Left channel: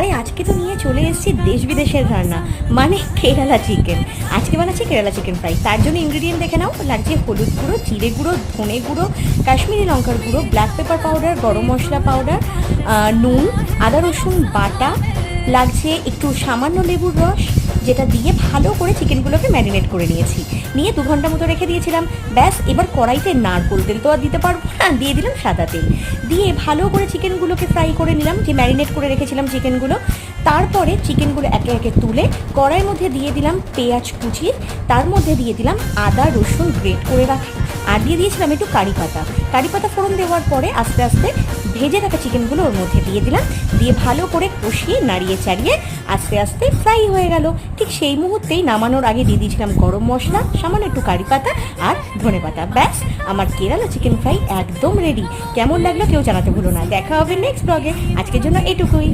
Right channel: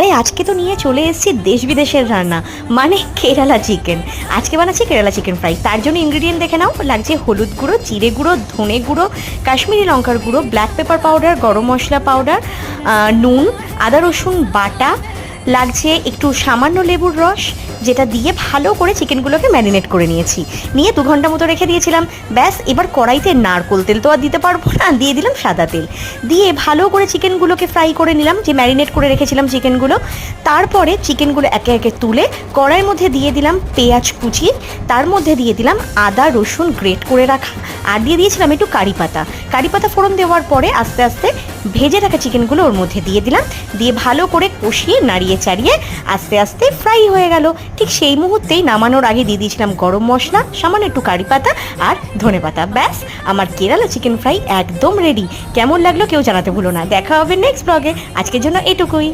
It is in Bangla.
আরে আজকে তো নিয়ে চলে এসেছি দেশ বিদেশের রান্না, মানে কেরালা চিকেন। আজকে বানাচ্ছি কেরালা চিকেন ফ্রাই। তার জন্য ইনগ্রিডিয়েন্ট দেখে নাও। লাগছে হলুদ গুঁড়ো, জিরে গুঁড়ো, ধনে গুঁড়ো, কাশ্মীরি লঙ্কার গুঁড়ো, ব্ল্যাক পেপার পাউডার, গরম মশলা পাউডার, নুন, আদা রসুন বাটা, লাগছে একটু সামান্য লেবুর রস, যেটা দিয়ে ভালো করে চিকেনগুলোকে ম্যারিনেট করে নিয়েছি। নিয়ে 2 ঘন্টা মতো রেখে দিয়েছিলাম। ব্যাস, এবার কড়াইতে নারকোল তেল তো আর দিতে পারবো না, দিয়ে দিলাম সাদা তেল। দিয়ে ভালো করে চিকেনগুলোকে ফ্রাই করে নিলাম, যে ম্যারিনেট করে রেখেছিলাম চিকেনগুলো। তারপরে চিকেনগুলো একে একে তুলে কড়াইয়ের মধ্যে দিয়ে দিলাম পেঁয়াজ কুচি, তার মধ্যে দিয়ে দিলাম আদা রসুন গ্রেট করে রাখা, আর দিয়ে দিয়েছিলাম একটু কারি পাতা। কারি পাতা ফোড়ন দেওয়ার পরে আস্তে আস্তে ভেজে রাখা চিকেনগুলো ওর মধ্যে দিয়ে দিলাম। দিয়ে ভালো করে কষিয়ে নাড়িয়ে চাড়িয়ে আস্তে আস্তে ফ্রাই হয়ে গেল। ঠিক সেই মুহূর্তেই নামানোর আগে দিয়ে দিয়েছিলাম গরম মশলা, সামান্য একটু কারি পাতা আর ধনে পাতা। ব্যাস, আমার কেরালা চিকেন ফ্রাই একদম রেডি। কেমন লাগলো কেউ জানাতে ভুলো না। দেখা হবে নেক্সট ব্লগে। আজকের জন্য এটুকুই।